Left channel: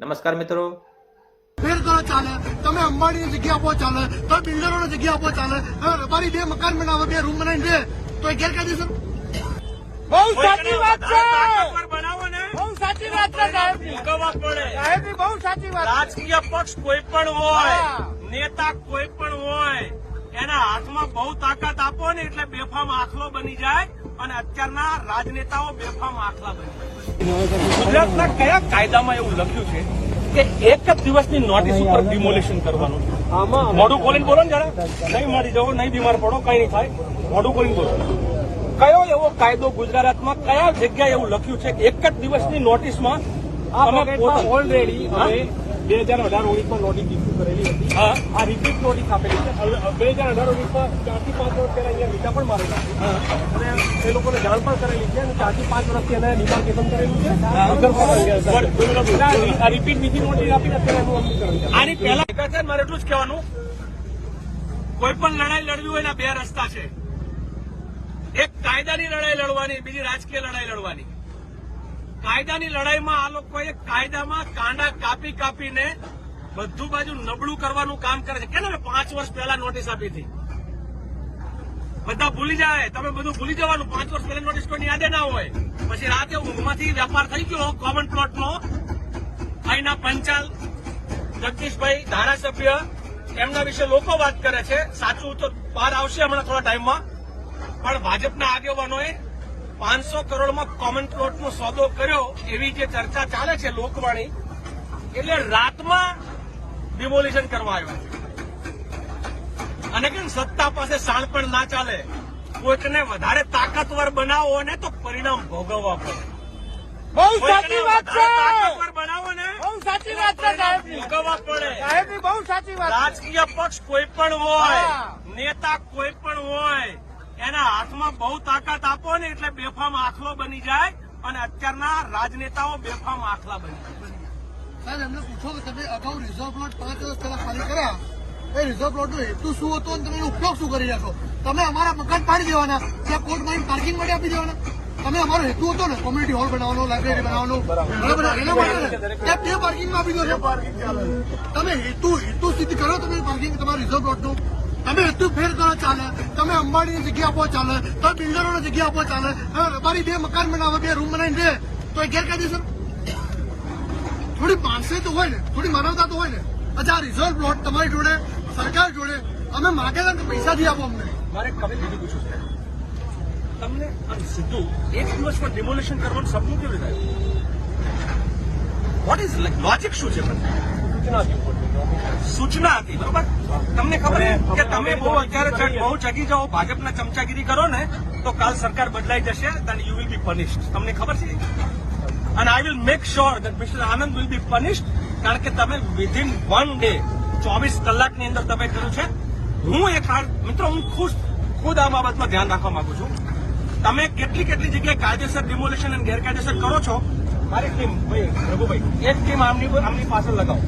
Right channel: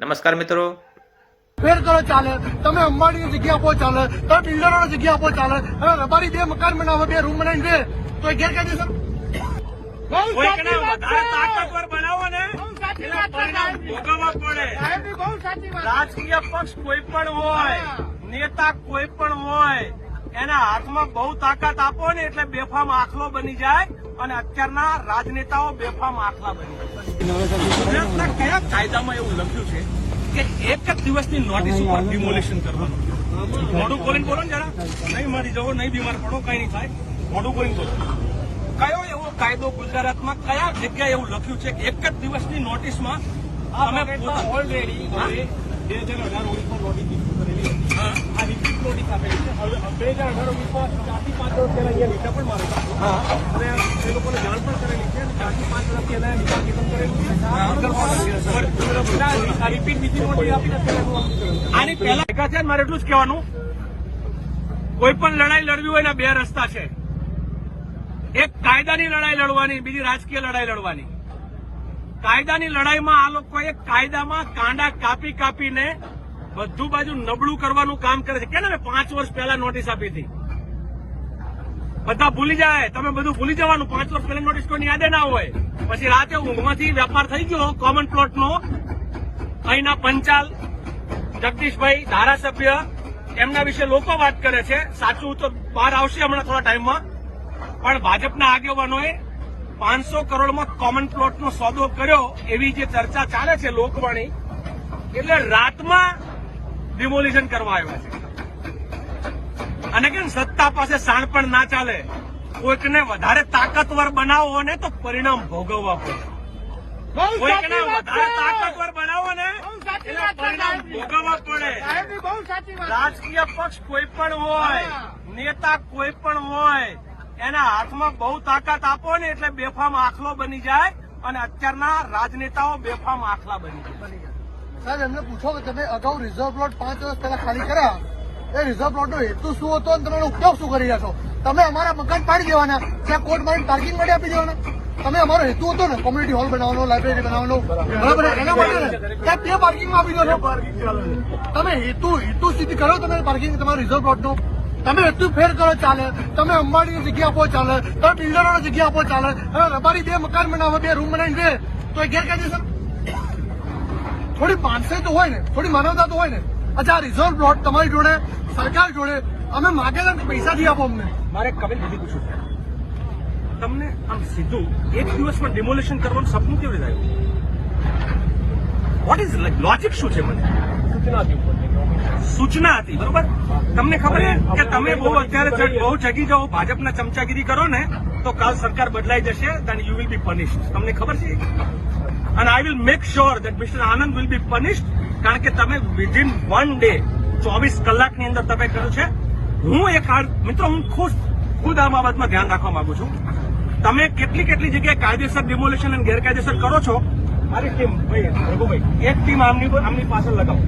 નમસ્કાર મિત્રો. ફેર કરો ચાલે તમે અંબાણીની જગ્યા આપો ચાલે તમે બિલ્ડરોની જગ્યા આપો ચાલે હવે રબારી બે મકાન બનાવે બે રૂમ બનાવીને દે તો એ ગેરકાયદેસર. બહુ સાચી વાત છે. તાકાતવર બનાવો ને બહુ સાચી વાત છે ભોગવવા પડે. સાહેબની બહુ સાચી વાત. રાજકીય પક્ષ કોઈ પણ હોય નેતા કોઈ પણ હોય એના હાથમાં બહુ તાકાત આપો ને એટલે બેફામ આખલો બની જાય અને અત્યારના રાજનેતાઓ બેફામ આખલા બની જાય. ગુજરાતના કયા કાયદામાં એવું લખ્યું છે કે એક જ દિવસની નોટિસ ઉપર ડિમોલિશન કરવાનું? મોઢું ખોલીને બોલો ને જરા. નહીં મારી જવો નહીં બીમાર પડો કઈ નહીં થાય. મોઢું ખોલીને બોલો. કયો એવો કાયદો ગુજરાતમાં કયા જગ્યાએ એવું લખ્યું છે કે એક જ દિવસની નોટિસમાં તમે ઓલરેડી બે હજાર અઢાર ઓગણીસમાં નોટિસ આ રિપીટ નોટિસ છે મારે એટલું જ કહેવાનું. કોઈ પણ લડાઈ લડવી હોય એના બે રસ્તા છે. એક કાયદાની લડાઈ લડવાની, બીજી રાજકીય લડાઈ લડવાની. કાયદાની લડાઈમાં આ લોકોએ કાયદામાં કાંડા કાપી કાપીને બધું બાજુ નબળું કરવાનું કામ કરે છે. કે ને પાંચ વર્ષ પહેલા નોટિસ આપી હતી. બધા ભૂલી જાય. તમે બધું ભૂલી જવાનું. પાંચ વર્ષ પહેલા નોટિસ કોઈની યાદે ના હોય. પછી રાતે ઊંઘમાંથી વેપાર થઈ ગયો. કોમન પ્લોટનો અહીંના પંચાલ, જગદીશભાઈ ધારાસભ્ય એમના વિશે લોકો વાત કરે છે. સાચું તો બહાર આવશે હમણાં થોડા ટાઈમમાં. પણ ભાજપના આગેવાનોએ પાંચસો કરોડમાં કોમન પ્લોટનો સોદો કર્યો એવી જે ચર્ચા ચાલે છે લોકવાણી, એટલે રાતમાં ડિમોલિશન કરવા આવ્યા છે. અને કેમ સત્તા પાસે સાણ પણ ના ચાલે? કોઈકને વધારે તાકતવર બનાવો ને તો પરિણામ ભોગવવા પડે. કોઈકને વધારે તાકતવર બનાવો ને પરિણામ ભોગવવા પડે. બહુ સાચી વાત રાજકીય પક્ષ કોઈ પણ હોય નેતા કોઈ પણ હોય એના હાથમાં બહુ તાકાત આપો ને એટલે બેફામ આખલો બની જાય અને અત્યારના રાજનેતાઓ બેફામ આખલા બની જાય. સાહેબ, એમને પૂછો કે તમે અગાઉ રિઝર્વ પ્લોટ પાંચ વર્ષ પહેલા ખાલી કર્યા. એ રિઝર્વ પ્લોટનો હેતુ શું હતો અને તમે ઉપયોગ શું કરી રહ્યા છો? તમે અમારા મકાન પાડી દેવાના. ત્યાં કોર્ટ મારી પાર્કિંગ માટે આપી દેવાના. તમે અમારો હેતુ હતો ને કોમ્યુનિટી હોલ બનાવવાનો લાઇબ્રેરી બનાવવાનો એના માટે ત્યાં બે પાર્કિંગમાં આપી દો છો. તમે હેતુ હેતુ સિદ્ધ કરો તમે પાર્કિંગ તમારા રિઝર્વ પ્લોટનું તમે હેતુ ફેર કરો, ચાલે. તમે અંબાણીની જગ્યા આપો, ચાલે. તમે બિલ્ડરોની જગ્યા આપો, ચાલે. હવે બે મકાન બનાવે, બે રૂમ બનાવીને દે. તો એ ગેરકાયદેસર થોડી માનસે તો હોય ને થોડી માનવતા તો હોય ને. અચ્છા આ રિઝર્વ પ્લોટ તમારી જોડે સરકાર જોડે અમે માગેલા કે પૈસાથી આપો અમને. મારે કવિ દીદી પૂછ્યું છે તમને આમ સીધું એક દિવસમાં ડિમોલિશન કરવાનું સપનું કેવી રીતે આવ્યું વોટ ઇઝ લોજિક શું છે સૂચના હતી બરોબર? તમને ખબર છે કે તમે બહુ અત્યારે બહુ જગી જાઓ ભાજપના ચમચાગીરી કરો ને તો કાલ સરકાર બદલાઈ જશે then you will be punished તમને ખબર છે? અને I will make sure that mister Anand will be punish કારણ કે તમે વિધિન વન ડે ચોવીસ કલાકની અંદર તમે કર્યું છે. હું એક કાર્ડ મિત્રો હું ખુશ ખુદ આ બાબતમાં ધ્યાન રાખવા માંગુ છું. તમે કેટલી કેટલી જગ્યાએ કાયદેસર ડિમોલેશન અને ગેરકાયદેસર કરો છો? મારી ટીમ ભાઈ રઘુભાઈ એક ટીમ આમની આમની પાછળ લગાવો.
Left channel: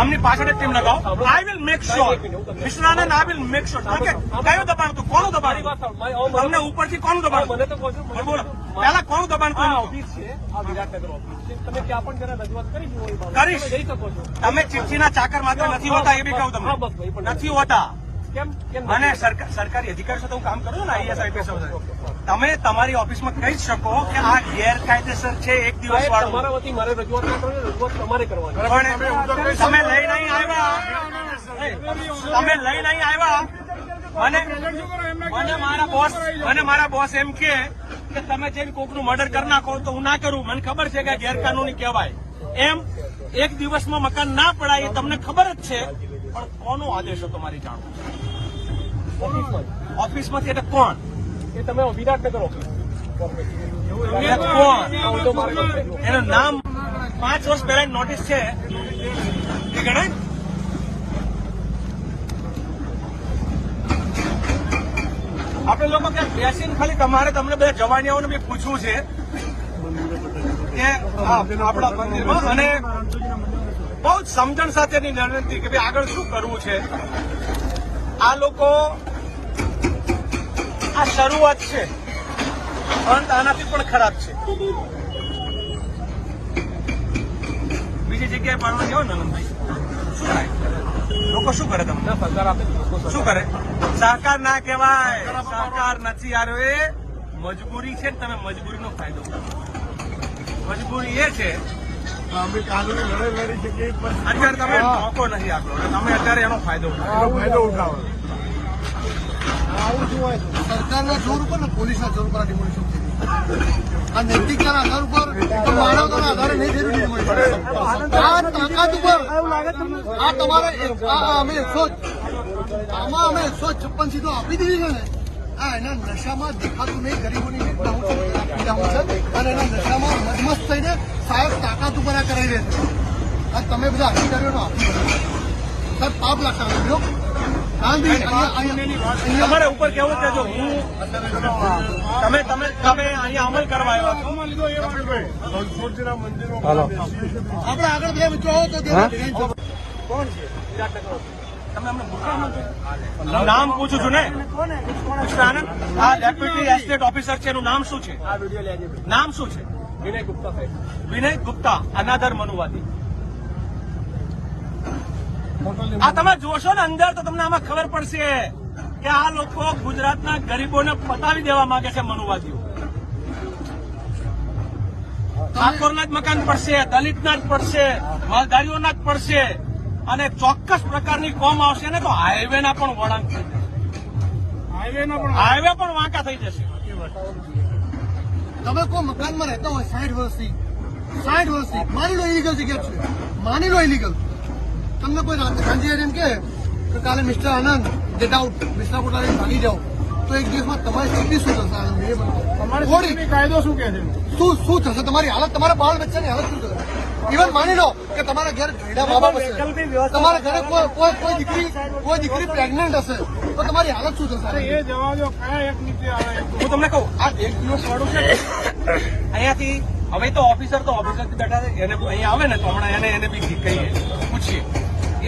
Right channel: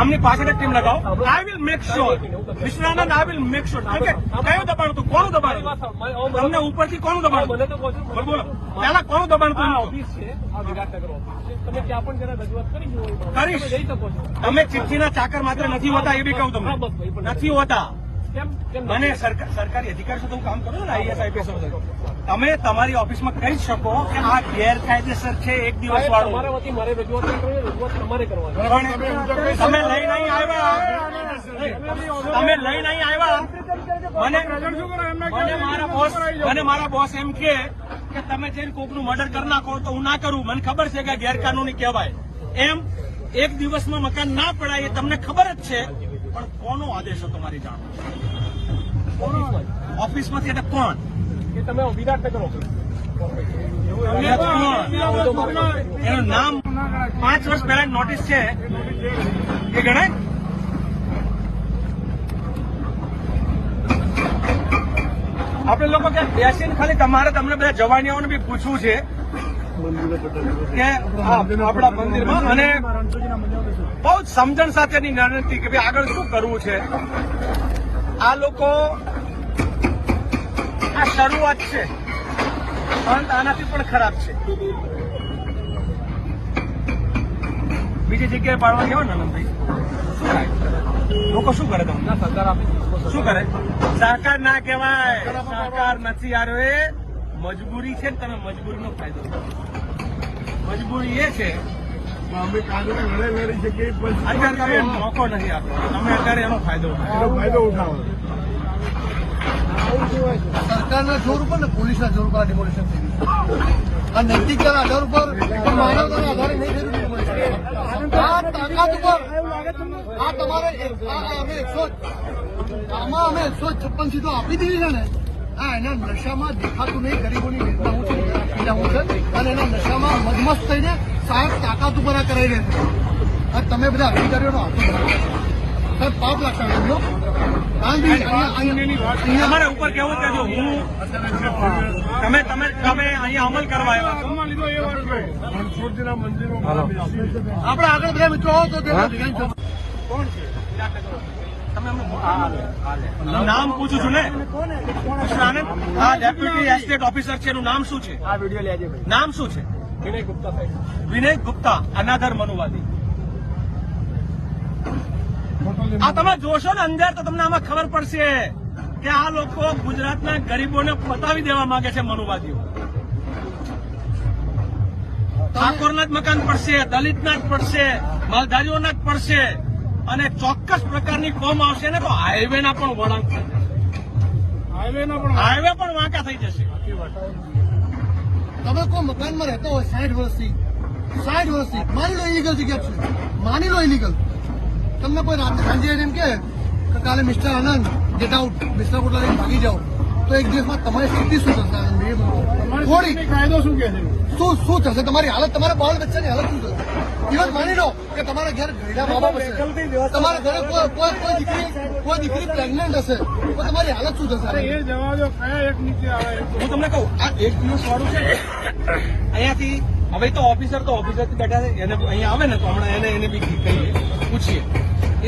આમની પાછળ એક ટીમ લગાવો. I will make sure Vishwanand I will make sure કારણ કે કયું દબાણ હતું? કોનું દબાણ હતું? તમને ઉપરથી કોનું દબાણ બોલો. પહેલા કોણ દબાણ હતું કરીશ. તમે ચિઠ્ઠીના ચાકર માત્ર નથી હોતા એ બી કહું તમને. નથી હોતા. મને સરકાર- સરકારી અધિકારી સાથે હું કામ કરું છું ને આઈએસ આઈપીએસ તમે તમારી ઓફિસમાં કહી શકો કે આ ગેરકાયદેસર છે એક દિવસ વાળું. તમે લઈ નહીં આવ્યા. તમે લઈ નહીં આવ્યા. મને મને મારા બોસ મને મારા બોસ એમ કે કે તમે જઈને કોકનું મર્ડર કરી નાખો તો હું ના કરું. મને ખબર છે કે ગેરકાનૂની કહેવાય. એમ એક દિવસમાં મકાન ના પડાય એ તમને ખબર જ છે. પણ કોનો આદેશ હતો તમારી જાણ ઓફિસમાંથી એટલે કોણ? કોણ? એનું નામ પાંચ વર્ષ પહેલા નોટિસ છે. એ ગણાય? આપણે લોકો ત્યાં બેસીને ખાલી તમારે તમને બધા જવાનીઓને બી પૂછવું છે આપણા મંદિરમાં. અને બહુ જ સમજણ સાથેની વિનંતી કે ભાઈ આગળ શું કરવું છે. આ લોકો આ શરૂઆત છે. પણ આનાથી પણ ખરાબ છે. બીજી જગ્યાએ પાડવા જાઓ ને લોકો શું કરે તમને? શું કરે? સહકાર ના કહેવાય સહકાર નથી યાર એ. મજબૂરી છે ને તમે મજબૂરીનો ફાયદો. મજબૂરી એ છે અમે કાનૂની લડાઈ લડી શકીએ પણ અત્યારે તમે મોકો નથી આપતો. તમે અત્યારે એનો ફાયદો ઉઠાવો. ફાયદો ઉઠાવો. સરકારના જોર ઉપર ને પોલીસના જોર ઉપર ડિમોલિશન થઈ ગયું. આ નૈતિકતાના આધાર ઉપર માનવતાના આધારે નહીં થયેલું ડિમોલિશન આ તાકાત ઉપર આ તમારે અમે એકસો આમાં અમે એકસો છપ્પન સીટો આપી દીધી છે ને આ એના નશામાં દેખાતું નહીં ગરીબોની વેદના હું છે પીડા હું છે અને એના નશામાં મદમસ્ત થઈને સાહેબ તાકાત ઉપર આ કરાવી રહે છે. તમે બધા અધિકારીઓનો હાથ સાહેબ પાપ લાગતા નથી જો અહીંયા અહીંયા અહીંયા ઉપર કેવું કે જો હું તમે તમે તમે અહીંયા અમલ કરવા આવ્યા. આપણે આગળ બધા મિત્રો આવો તો કોણ છે. તમે અમને નામ પૂછું છું ને? આ ડેપ્યુટી એસ્ટેટ ઓફિસર છે. એનું નામ શું છે? નામ શું છે? વિનય ગુપ્તા વિનય ગુપ્તા અનાદર મનુવાદી. આ તમે જોશો ને અંદર તો તમને આમાં ખબર પડશે કે આ લોકો ગુજરાતના ગરીબોને પતાવી દેવા માંગે છે મનુવાદીઓ. ઠાકોરના જ મકાન પડશે દલિતના જ પડશે માલધારીઓના જ પડશે. અને ચોક્કસ પ્રકારની કોમ આવશે ને તો હાઈવેના પણ વળાંક થશે. હાઈવે પણ વાંકા થઈ જશે. તમે કોઈ મકાનમાં રહેતા હોય સાઠ વર્ષથી સાઠ વર્ષથી માની લો ઇલીગલ જગ્યા છું. માની લો ઇલીગલ તમને કોઈ સાંજે એમ કે કાલે mister Anand get out mister Kotla લઈને ભાગી જાઓ. તો એક દિવસમાં તમારી સ્થિતિ શું થશે? આનંદ એ કાયદો શું કે છે? શું શું થશે? તમારી હાલત તમારા બાળ બચ્ચાની હાલત શું થશે? ઇવન માની લો કે તમારા ઘરે ઘરડા મા બાપ હશે. તમારા ઘરે કોઈ દીકરી કોઈ દીકરી પ્રેગ્નન્ટ હશે તો તમારી હાલત શું થશે? એ જવા દો કયા એક નીચે આવે હું તમને કહું આ એક દિવસ વાળું છે. અહીંયાથી હવે તો ઓફિસર તો ઓફિસરથી બેઠા છે એને અહીંયા આવે ને તો હમણાં એને એને બી કહીએ. પૂછીએ.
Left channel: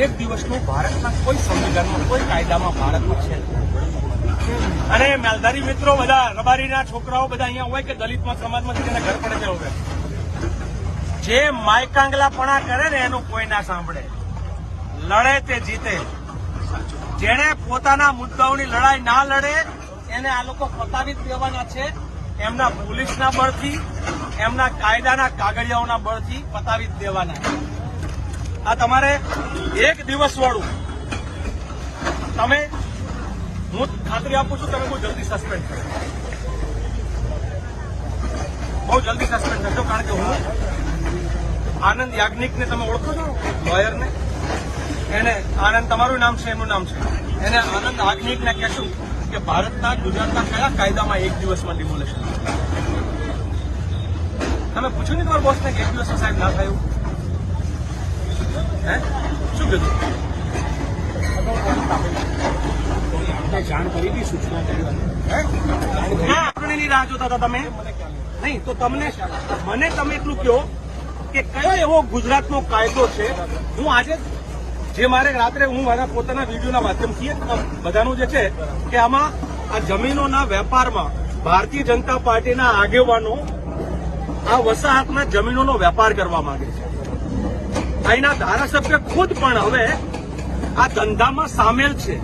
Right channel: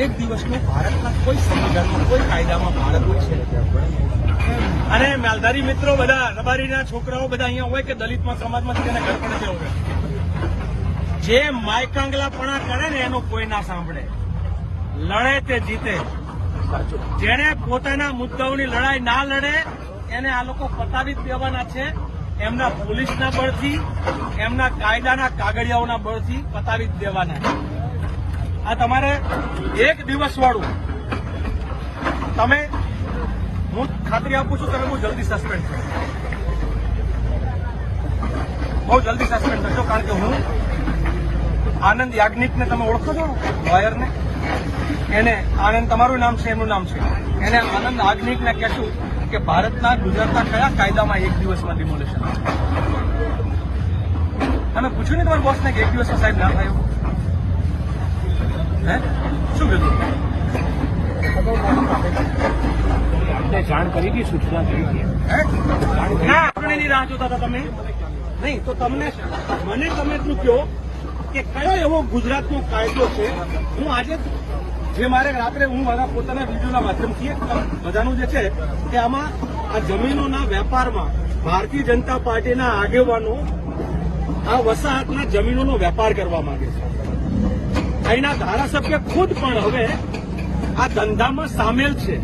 એક દિવસનું ભારતના કોઈ સંવિધાનમાં કોઈ કાયદામાં ભારતમાં છે? અને માલધારી મિત્રો બધા રબારીના છોકરાઓ બધા અહીંયા હોય કે દલિતમાં સમાજમાં છે ઘર પણ છે હોય. જે માયકાંગલાપણા કરે ને એનું કોઈ ના સાંભળે. લડે તે જીતે. જેણે પોતાના મુદ્દાઓની લડાઈ ના લડે, એને આ લોકો પતાવી દેવાના છે. એમના પોલીસના બળથી, એમના કાયદાના કાગળિયાઓના બળથી પતાવી દેવાના છે. આ તમારે એક દિવસ વાળું તમે હું ખાતરી આપું છું, તમે બહુ જલ્દી સસ્પેન્ડ થશે બહુ જલ્દી સસ્પેન્ડ થશો કારણ કે હું આનંદ યાજ્ઞિકને તમે ઓળખો છો? લોયરને એને આનંદ તમારું નામ છે એનું નામ છે. એને આનંદ યાજ્ઞિકને કહેશું કે ભારતના ગુજરાતના કયા કાયદામાં એક દિવસમાં ડિમોલેશન તમે પૂછ્યું ને તમારા બોસને કે એક દિવસમાં સાહેબ ના થયું હે? શું કીધું? જાણ કરી દી સૂચના કરી ના ચૂંટણીની રાહ જોતા હતા તમે. નહીં તો તમને મને તમે એટલું કહો કે કયો એવો ગુજરાતનો કાયદો છે? હું આજે જે મારે રાત્રે હું મારા પોતાના વિડીયોના માધ્યમથી બધાનું જે છે કે આમાં આ જમીનોના વેપારમાં ભારતીય જનતા પાર્ટીના આગેવાનો આ વસાહતના જમીનોનો વેપાર કરવા માંગે છે. અહીંના ધારાસભ્ય ખુદ પણ હવે આ ધંધામાં સામેલ છે,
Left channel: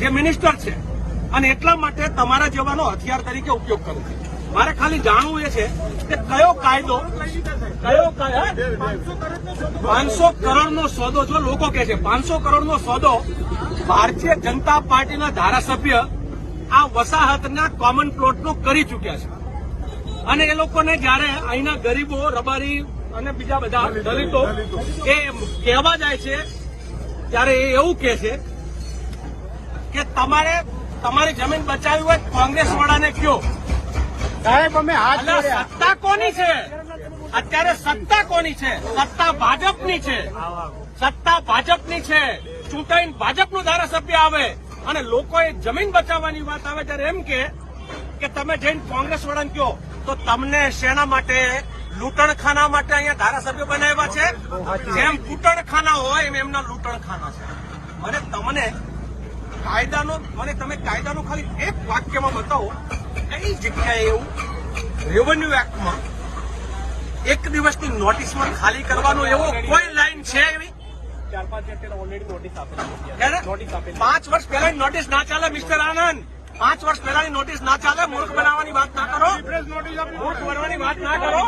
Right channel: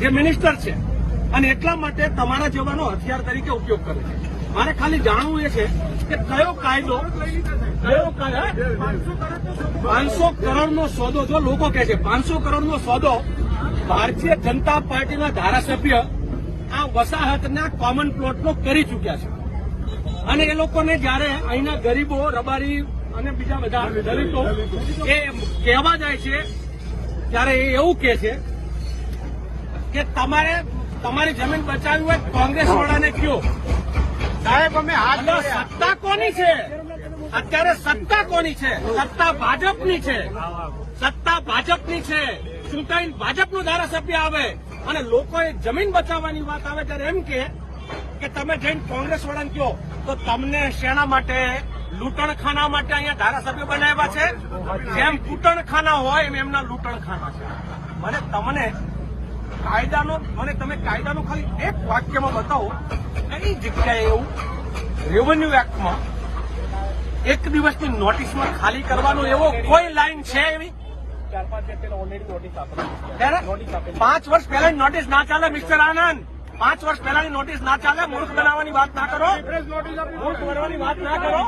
જે મિનિસ્ટર છે. અને એટલા માટે તમારા જેવાનો હથિયાર તરીકે ઉપયોગ કરે છે. મારે ખાલી જાણવું એ છે કે કયો કાયદો કયો પાંચસો કરોડનો સોદો જો લોકો કહે છે, પાંચસો કરોડનો સોદો ભારતીય જનતા પાર્ટીના ધારાસભ્ય આ વસાહતના કોમન પ્લોટનો કરી ચૂક્યા છે. અને એ લોકોને જયારે અહીંના ગરીબો, રબારી અને બીજા બધા દલિતો એ કહેવા જાય છે, ત્યારે એ એવું કહે છે કે તમારે તમારી જમીન બચાવી હોય કોંગ્રેસ વાળાને કયો સત્તા કોની છે? અત્યારે સત્તા કોની છે? સત્તા ભાજપની છે. સત્તા ભાજપની છે. ચૂંટાઈને ભાજપનું ધારાસભ્ય આવે અને લોકોએ જમીન બચાવવાની વાત આવે ત્યારે એમ કે કે તમે જઈને કોંગ્રેસ વળન કહો તો તમને શેના માટે? લૂંટણખાના માટે અહીંયા ધારાસભ્ય બનાવ્યા છે? જેમ કૂટણખાના હોય એમ એમના લૂંટણખાના છે. મને તમને કાયદાનો મને તમે કાયદાનો ખાલી એક વાક્યમાં બતાવો. કઈ જગ્યાએ એવું રેવન્યુ એક્ટમાં એક દિવસની નોટિસમાં ખાલી કરવાનો એવો કોઈ લાઈન છે એવી? પાંચ વર્ષ પહેલાની નોટિસ ના ચાલે મિસ્ટર આનંદ. પાંચ વર્ષ પહેલાની નોટિસ ના ચાલે મૂર્ખ બનાવવાની વાત ના કરો. મૂર્ખ બનવાની વાત ના કરો.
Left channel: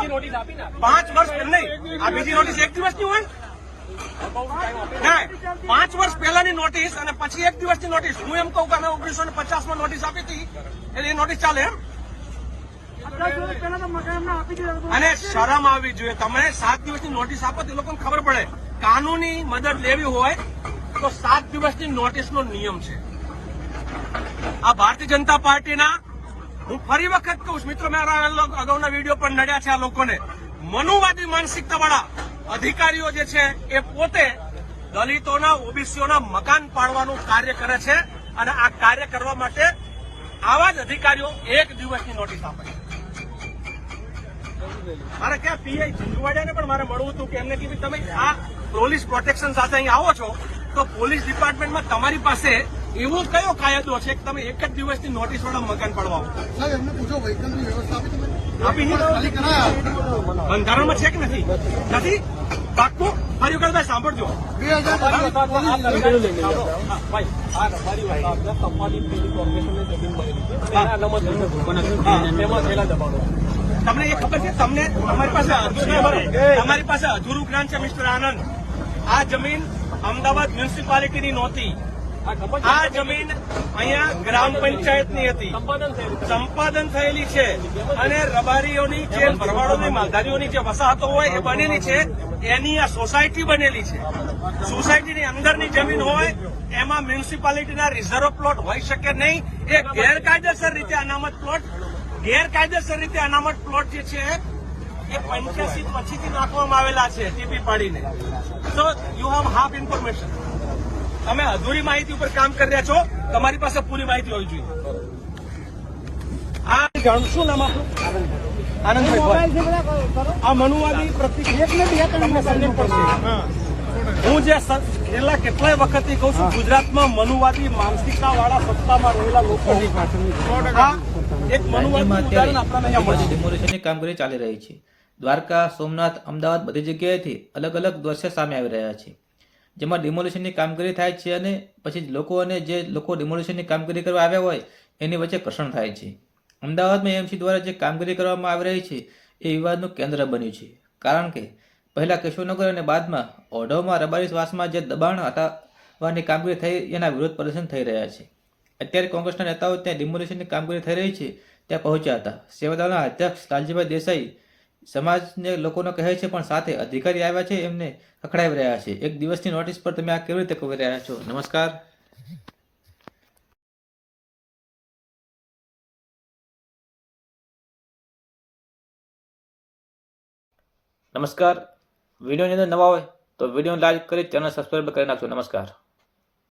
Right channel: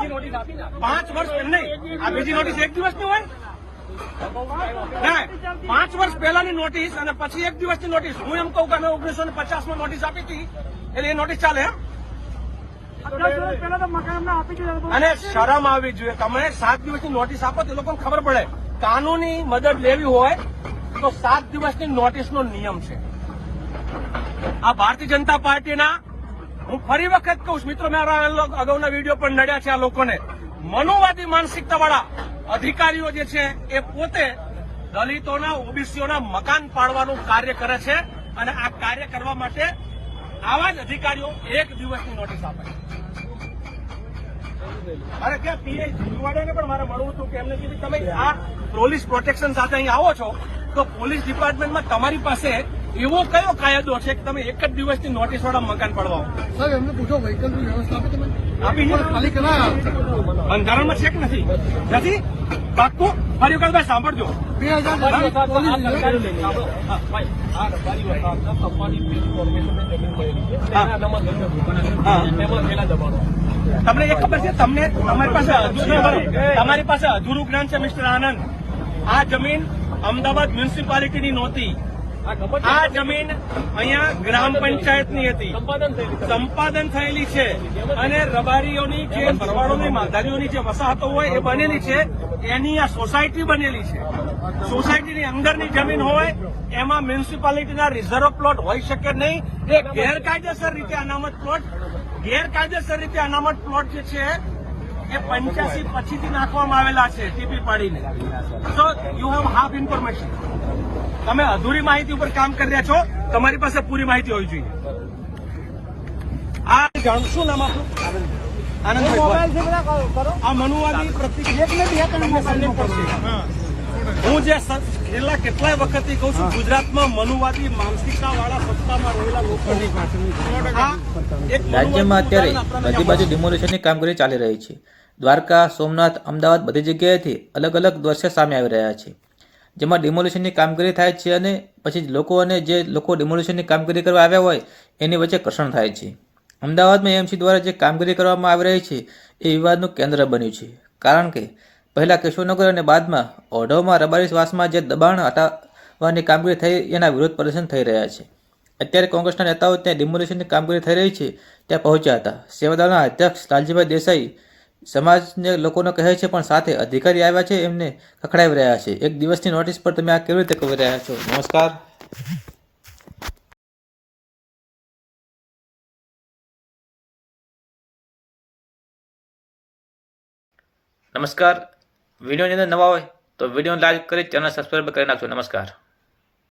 પાંચ વર્ષ નહીં આ બીજી નોટિસ એક દિવસની હોય? ના પાંચ વર્ષ પહેલાની નોટિસ અને પછી એક દિવસની નોટિસ હું એમ કહું કે ઓગણીસો ને પચાસમાં નોટિસ આપી હતી. એટલે એ નોટિસ ચાલે એમ. અને શરમ આવવી જોઈએ. તમે સાત દિવસની નોટિસ આપો તો એ લોકોને ખબર પડે. કાનૂની મદદ લેવી હોય તો સાત દિવસની નોટિસનો નિયમ છે. આ ભારતીય જનતા પાર્ટીના હું ફરી વખત કહું છું મિત્રો મારા અગાઉના વીડિયો પણ નડ્યા છે આ લોકોને. મનુવાદી માનસિકતા વાળા અધિકારીઓ જે છે એ પોતે દલિતોના ઓબીસીઓના મકાન પાડવાનું કાર્ય કરે છે અને આ કાર્ય કરવા માટે આવા જ અધિકારીઓ એક દિવસની નોટિસ આપે મારે ક્યાં પીઆઈ જીજવાડિયાને પણ મારે મળવું હતું કે એમને કીધું, તમે આ પોલીસ પ્રોટેક્શન સાથે અહીં આવો છો, તો પોલીસ ડિપાર્ટમેન્ટમાં તમારી પાસે એવો કયો કાયદો છે કે તમે એક જ દિવસની નોટિસ વાળા મકાન પડવા આવો? સાહેબ એમને પૂછો વ્હીકલની વ્યવસ્થા આપી તમે આપી ખાલી કરાયા. બંધારણમાં છે કે નથી? નથી? પાક્કું? ફરી વખત ભાઈ સાંભળજો. બે હજાર તમને એ ખબર છે? તમને તમારી પાસે તમારી પાસે અધૂરું જ્ઞાન છે મિસ્ટર આનંદ. આ જમીન અમદાવાદ મ્યુનિસિપાલિટીની નહોતી. આ જમીન અહીંયા ગ્રામ પંચાયતની હતી. સંપાદન થયેલી છે અને રબારીઓની જે ભરવાડોની માલધારીઓની જે વસાહતો હોય એ બનેલી છે. એની આ સોસાયટી બનેલી છે. સોસાયટીની અંદરની જમીન હોય, એમાં મ્યુનિસિપાલિટીના રિઝર્વ પ્લોટ હોઈ શકે નહીં. એ ગેરકાયદેસર રીતે અનામત પ્લોટ, ગેરકાયદેસર રીતે અનામત પ્લોટ જે છે, એ પંચ્યાસી પછીથી નાખવામાં આવેલા છે, ટીપી પાડીને. So you have half information તમે અધૂરી માહિતી ઉપર કામ કરી રહ્યા છો તમારી પાસે પૂરી માહિતી હોવી જોઈએ. આ જાણશું નામ આપણું આનંદભાઈ આ મનુવાદી પ્રતિક તમને સમજણ પડશે હું જે છેલ્લા કેટલાય વખતથી કહું છું ગુજરાતમાં મનુવાદી માનસિકતા વાળા સત્તામાં રહેલા લોકો કામગીરી ચાલી રહી છે. દ્વારકા સોમનાથ અમદાવાદ બધી જગ્યાએથી અલગ અલગ દ્રશ્ય સામે આવી રહ્યા છે. જેમાં ડિમોલિશનની કામગીરી થાય છે અને પછી લોકો અને જે લોકો ડિમોલિશનની કામગીરી કરવા આવ્યા હોય, એની વચ્ચે ઘર્ષણ થાય છે. અમદાવાદમાં એમસી દ્વારા જે કામગીરી કરવામાં આવી રહી છે, એ વિવાદનું કેન્દ્ર બન્યું છે. કારણ કે પહેલાં કેશવનગર અને બાદમાં ઓઢવમાં રબારી શ્વાસમાં જે દબાણ હટાવવાની કામગીરી થઈ, એના વિરોધ પ્રદર્શન થઈ રહ્યા છે. અત્યારે કોંગ્રેસના નેતાઓ ત્યાં ડિમોલિશનની કામગીરી થઈ રહી છે, ત્યાં પહોંચ્યા હતા. સેવાદળના અધ્યક્ષ લાલજીભાઈ દેસાઈ સમાજને લોકોને કહે છે, પણ સાથે અધિકારી આવ્યા છે, એમને ખખડાવી રહ્યા છે. એક દિવસની નોટિસ પર તમે આ કેવી રીતે કરી રહ્યા છો? નમસ્કાર. નમસ્કાર. વિડીયોની અંદર નવા હોય તો વીડિયો લાઈક કરી, ચેનલ સબસ્ક્રાઈબ કરી નાખજો. નમસ્કાર.